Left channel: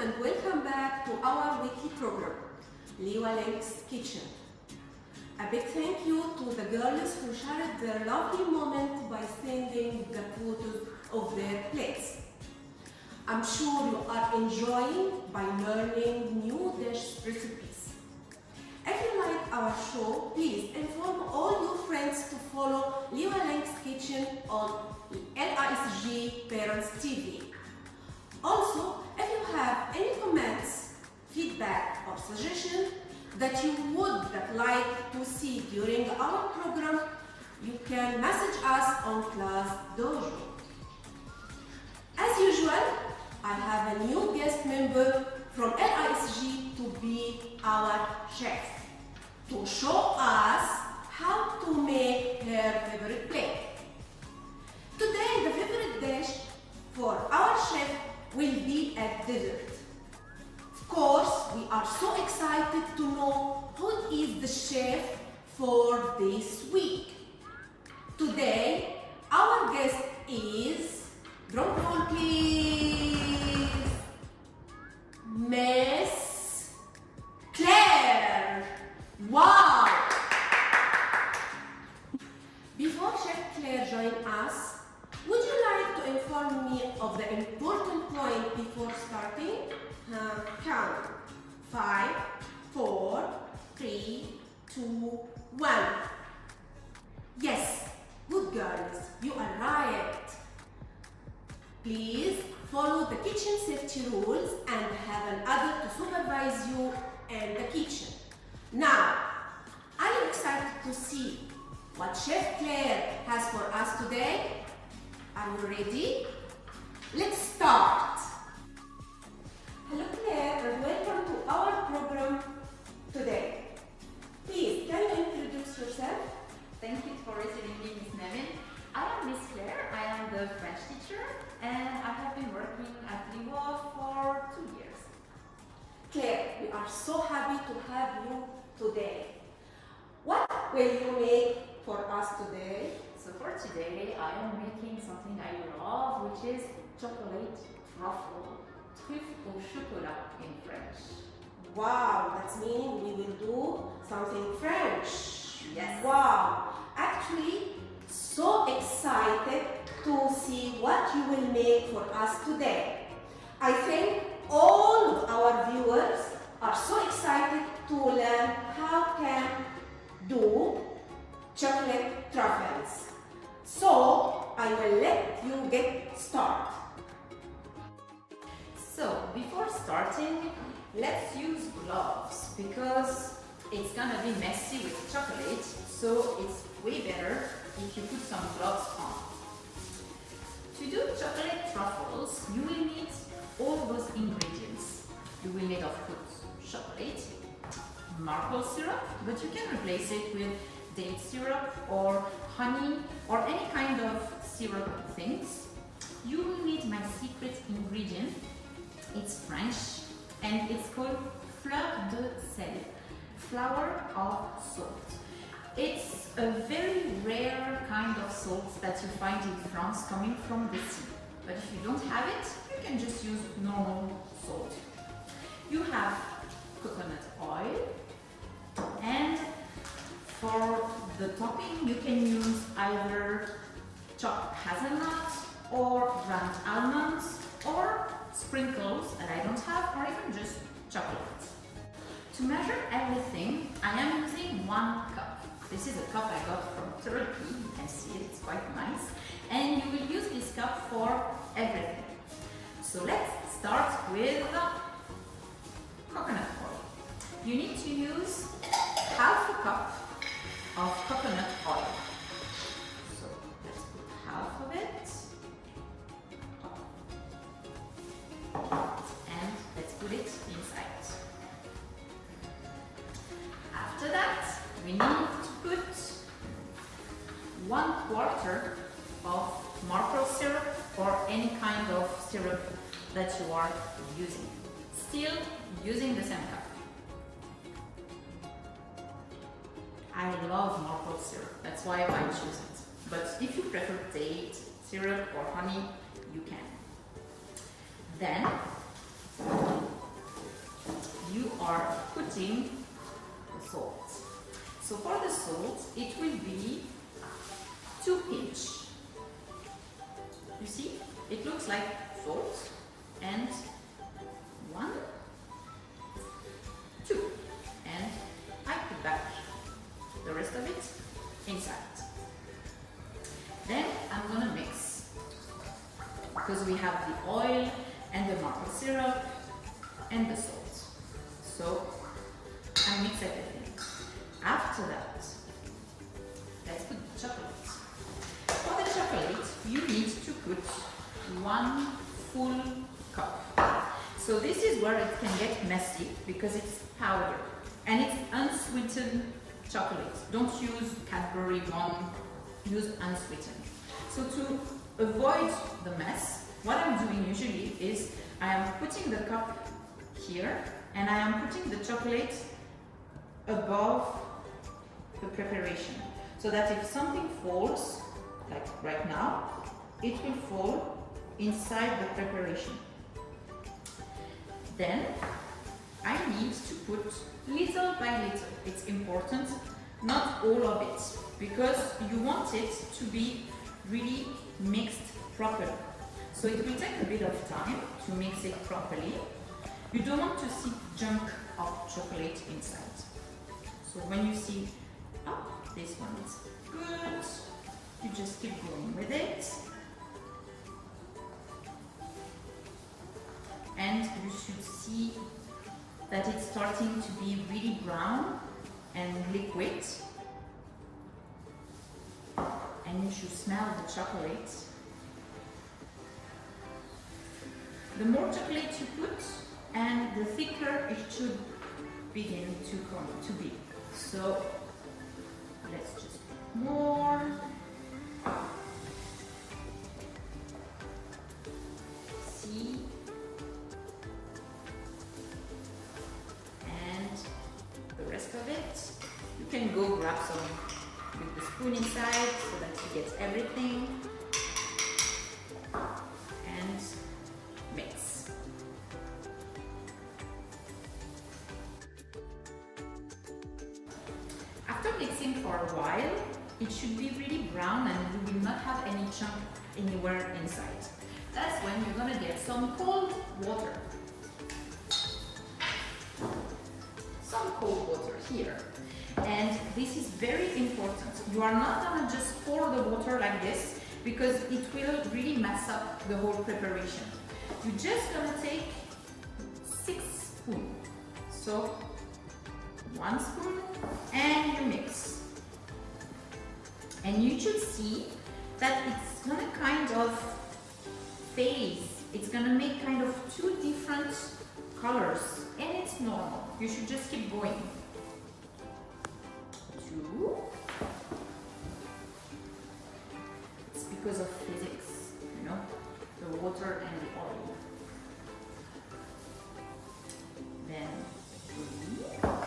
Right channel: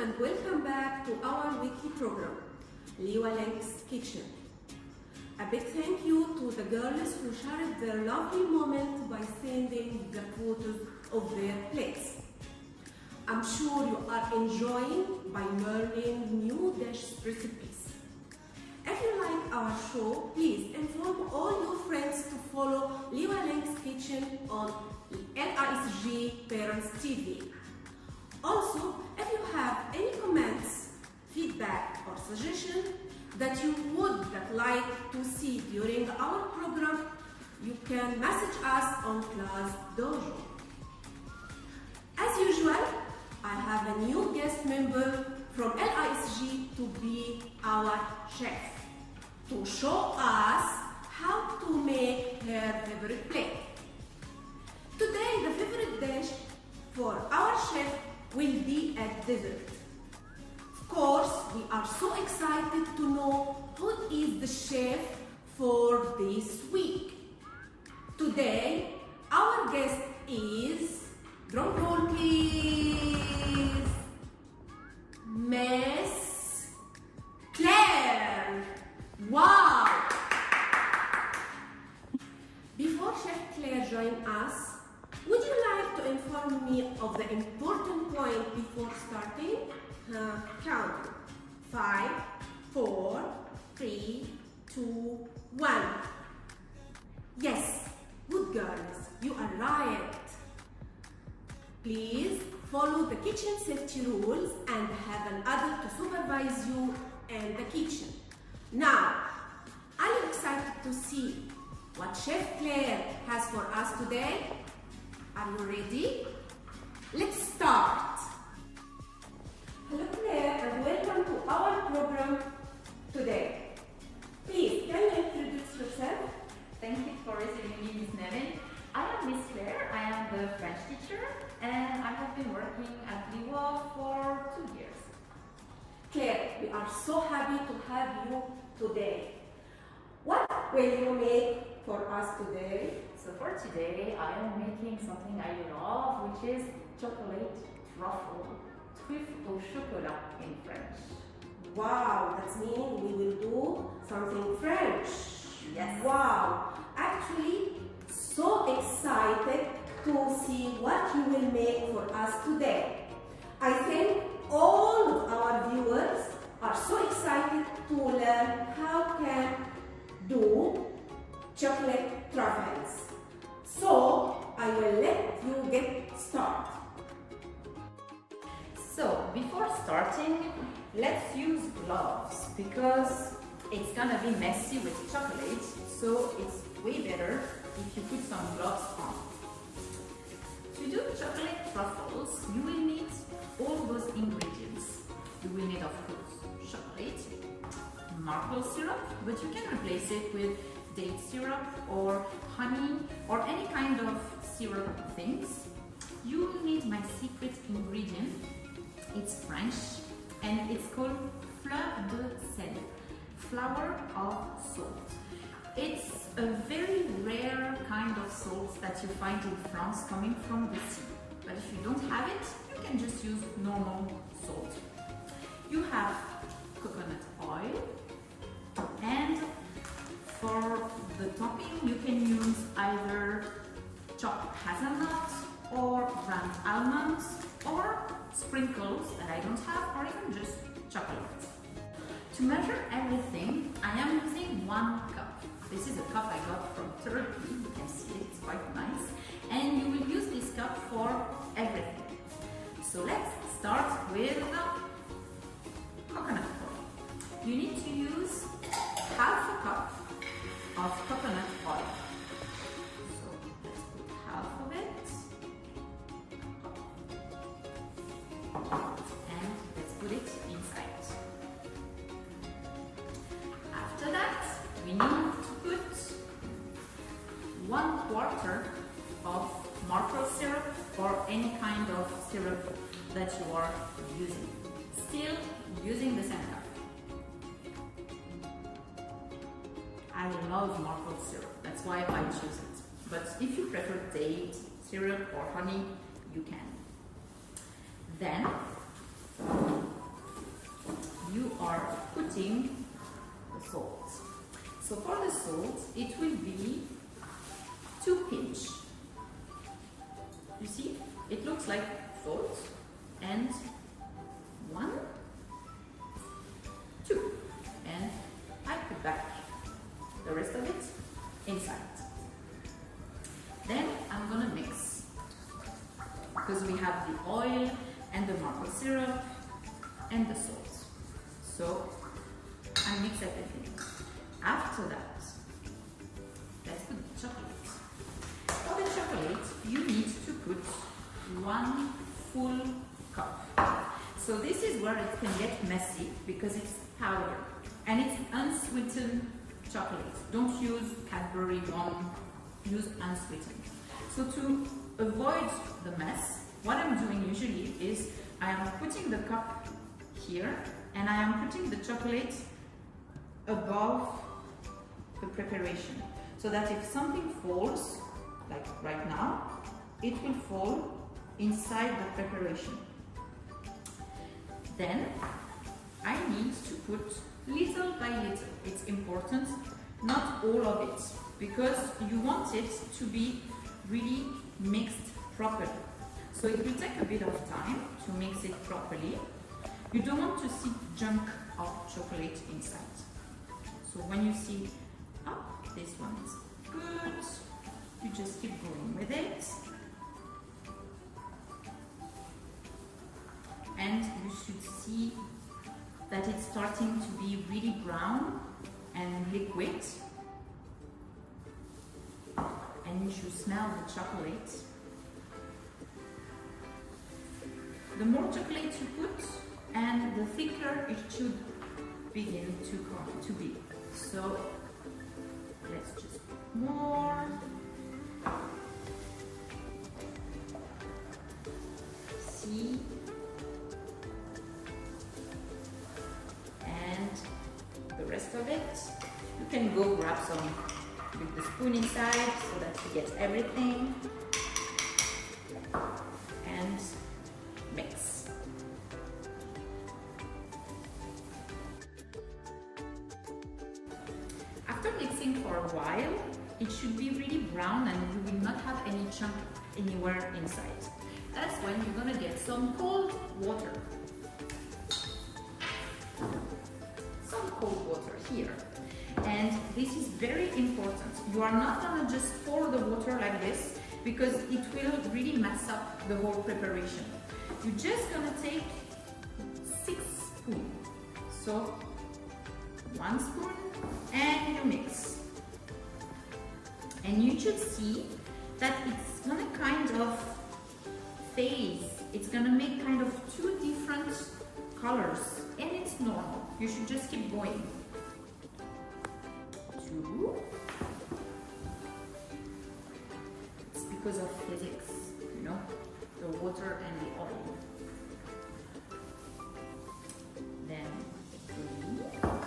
and welcome back to our weekly program, Lynx Kitchen. A big thank you to the girls who shared their lovely moment by sending the photos of their plates. I'm sure you are enjoying by learning new dish recipes. If you like our show, please inform all your friends to follow Lynx Kitchen on LISG Parents TV. Also, if you have any comments, feedback or suggestions that you would like to see during our program, you can message us on Class Dojo. As usual, I have a new guest member from LISG to be our chef, to show us how to make her favorite plate. Today, the favorite dish for our chef will be a dessert. Of course, we are so excited to know who is the chef for this week. Today, our guest is, drum roll please, Miss Claire. Wow! Before Chef Claire joins us, would you like to inform me of the important point before starting? Count. 5, 4, 3, 2, 1. Yes, good girls, you are right. Please follow the kitchen safety rules and have an adult to supervise you in the kitchen. Now, are you excited to see what Chef Claire has for us today? Are you ready? Let's start. Hello Claire and welcome to our program today. Please, can you introduce yourself? Thank you for receiving me, Miss Nevin. I am Miss Claire, I am the French teacher and I have been working at LISG for 2 years. Claire, we are so happy to have you today. What will you make for us today? So for today, I am making something I love, which is chocolate truffle, truffe au chocolat in French. Wow, that's meaning we will do something French. Yes. Wow, actually, so excited to see what you will make for us today. I think all of our viewers are so excited to learn how can do chocolate truffles. So, I will let you get started. So before starting, let's use gloves because it's gonna be messy with chocolate, so it's way better if you put some gloves on. To do chocolate truffles, you will need all those ingredients. You will need, of course, chocolate, maple syrup, but you can replace it with date syrup or honey or any kind of syrup things. You will need my secret ingredient. It's French and it's called fleur de sel, flower of salt. It's a very rare kind of salt that you find in France coming from the sea. But if you don't have it, you can just use normal salt. You have coconut oil, and for the topping you can use either chopped hazelnut or ground almonds or sprinkles that I don't have, or even just chocolate. To measure everything, I am using 1 cup. This is a cup I got from Turkey. You can see it, it's quite nice. And you will use this cup for everything. So let's start with coconut oil. You need to use half a cup of coconut oil. So let's put half of it. And let's put it inside. After that, we need to put 1/4 of maple syrup or any kind of syrup that you are using. Still using the same cup. I love maple syrup, that's why I choose it. But if you prefer date syrup or honey, you can. Then you are putting the salt. So for the salt, it will be 2 pinch. You see, it looks like salt, and 1, 2, and I put back the rest of it inside. Then I'm gonna mix, because we have the oil and the maple syrup and the salt. So I mix everything. After that, let's put the chocolate. For the chocolate, you need to put 1 full cup. So this is where it can get messy because it's powder and it's unsweetened chocolate. Don't use Cadbury one, use unsweetened. So to avoid the mess, what I'm doing usually is I am putting the cup here and I am putting the chocolate above the preparation, so that if something falls, like right now, it will fall inside the preparation. Then I need to put little by little. It's important, not all of it, because you want it to be really mixed properly. So it will take a bit of time to mix it properly. You don't want to see junk of chocolate inside. So when you see, oh, this one is good, you just keep going with it. And you should see that it's starting to be really brown and liquid. And you should smell the chocolate. The more chocolate you put, and the thicker it should begin to come to be. So let's just put more. See? And the rest of it, you can go grab some with the spoon inside so that you get everything. And mix. After mixing for a while, it should be really brown and you will not have any chunk anywhere inside. That's when you're gonna get some cold water. Some cold water here. And this is very important. You are not gonna just pour the water like this because it will really mess up the whole preparation. You're just gonna take 6 spoons. So 1 spoon and you mix. And you should see that it's gonna kind of phase. It's gonna make kind of 2 different colors and it's normal. You should just keep going. 2. It's because of physics, you know, the water and the oil. Then 3. 4.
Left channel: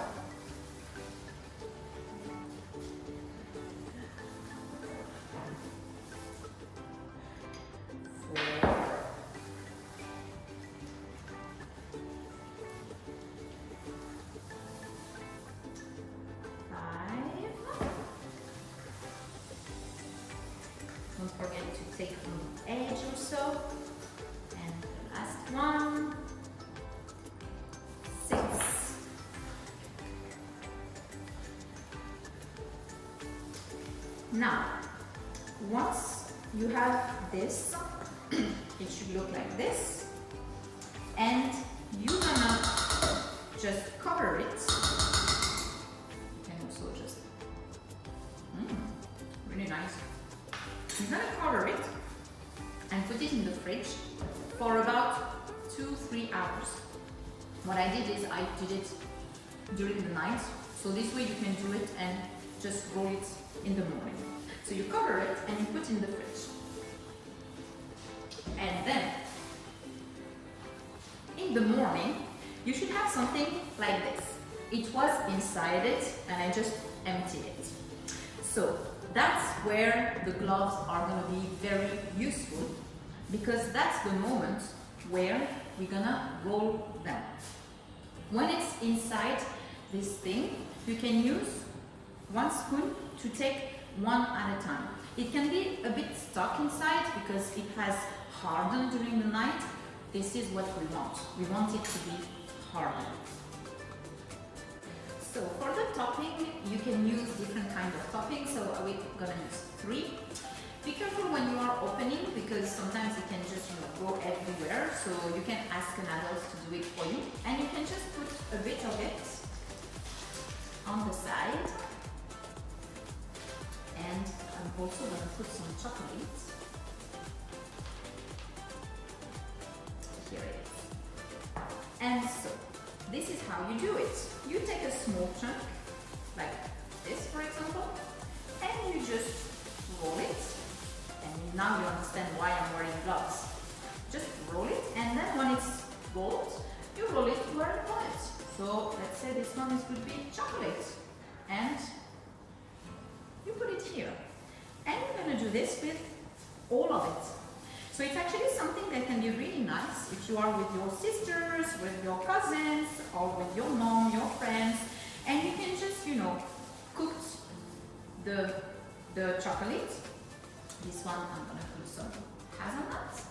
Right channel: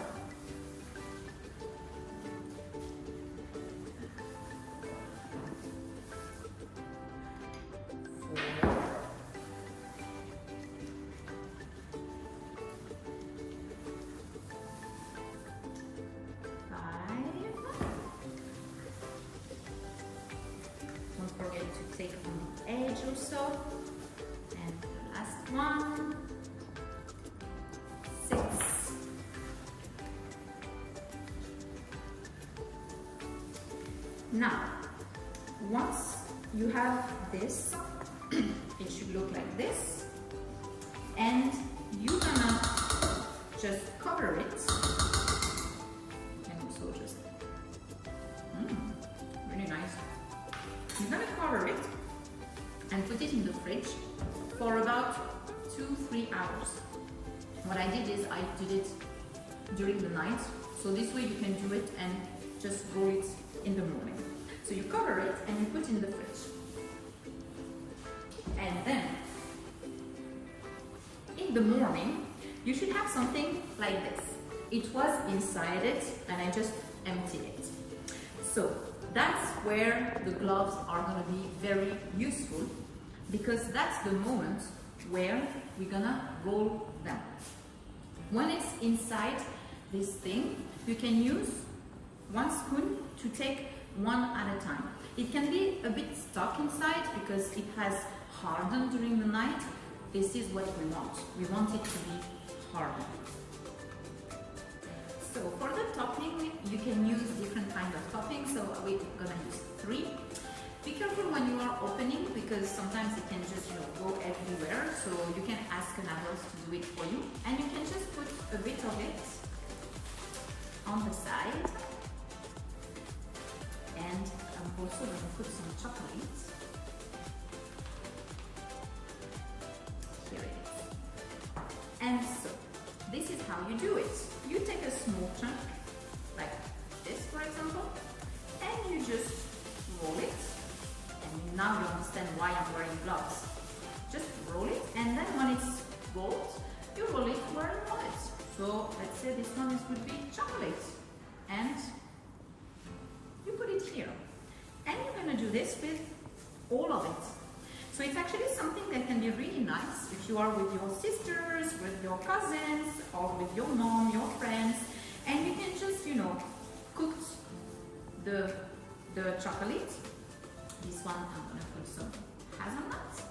5. Don't forget to take from the edge or so. And the last one. 6. Now, once you have this, it should look like this, and you're gonna just cover it. You can also just, really nice. You're gonna cover it and put it in the fridge for about 2-3 hours. What I did is I did it during the night, so this way you can do it and just roll it in the morning. So you cover it and you put in the fridge. And then, in the morning, you should have something like this. It was inside it and I just emptied it. So that's where the gloves are gonna be very useful, because that's the moment where we're gonna roll them. When it's inside this thing, you can use one spoon to take one at a time. It can be a bit stuck inside because it has hardened during the night. This is what we want. We want it to be hardened. So for the topping, you can use different kinds of toppings. So we're gonna use 3. Be careful when you are opening because sometimes it can just go everywhere. So you can ask an adult to do it for you, and you can just put a bit of it on the side. And I'm also gonna put some chocolate. Here it is. And so this is how you do it. You take a small chunk, like this for example, and you just roll it. And now you understand why I'm wearing gloves. Just roll it, and then when it's rolled, you roll it where you want it. So let's say this one would be chocolate, and you put it here. And you're gonna do this with all of it. So it's actually something that can be really nice if you are with your sisters, with your cousins, or with your mom, your friends, and you can just, cook the chocolate. This one I'm gonna put some hazelnuts,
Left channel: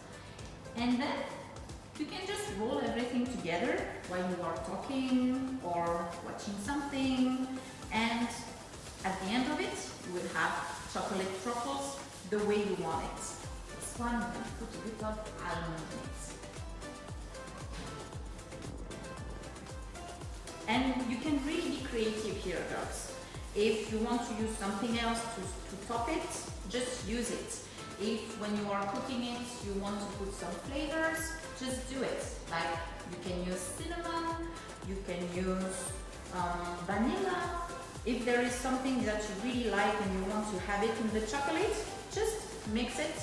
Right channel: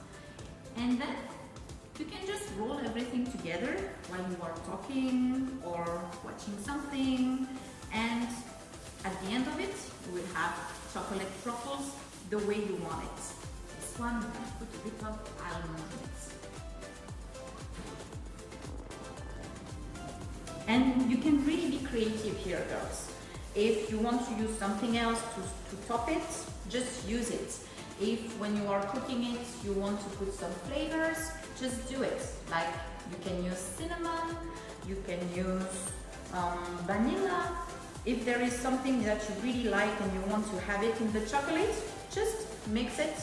and then you can just roll everything together while you are talking or watching something, and at the end of it you will have chocolate truffles the way you want it. This one I'm gonna put a bit of almond in it. And you can really be creative here, girls. If you want to use something else to top it, just use it. If when you are cooking it, you want to put some flavors, just do it. Like you can use cinnamon, you can use vanilla. If there is something that you really like and you want to have it in the chocolate, just mix it,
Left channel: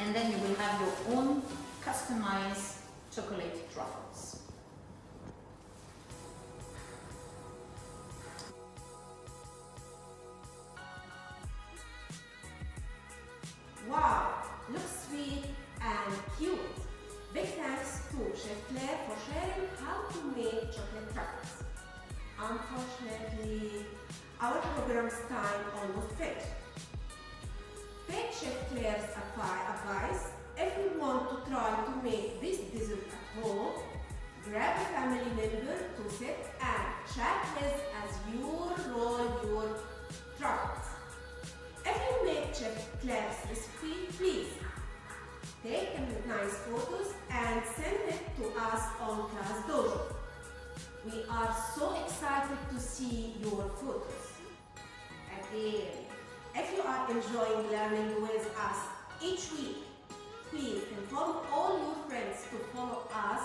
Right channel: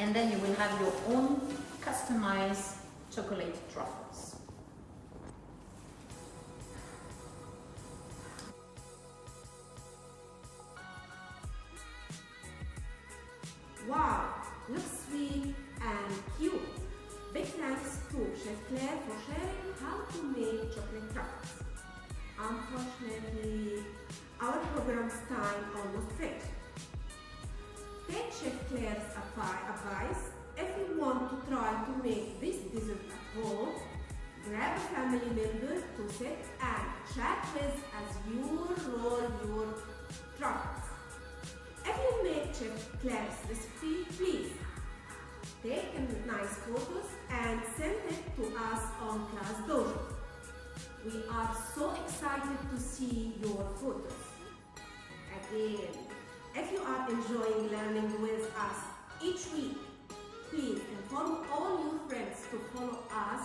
and then you will have your own customized chocolate truffles. Wow, looks sweet and cute. Big thanks to Chef Claire for sharing how to make chocolate truffles. Unfortunately, our program's time almost finished. Take Chef Claire's advice. If you want to try to make this dessert at home, grab a family member to sit and chat with as you roll your truffles. If you make Chef Claire's recipe, please take nice photos and send it to us on Class Dojo. We are so excited to see your photos. Again, if you are enjoying learning with us each week, please inform all your friends to follow us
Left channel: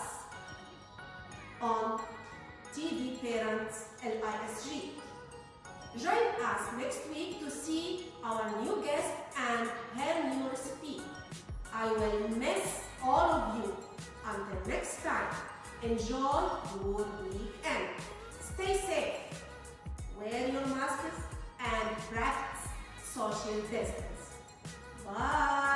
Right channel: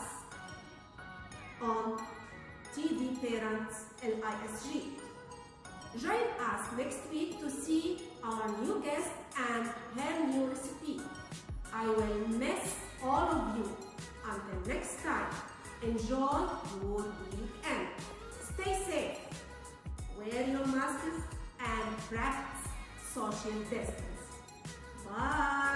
on TV Parents LISG. Join us next week to see our new guest and her new recipe. I will miss all of you. Until next time, enjoy your weekend. Stay safe, wear your masks, and practice social distance. Bye.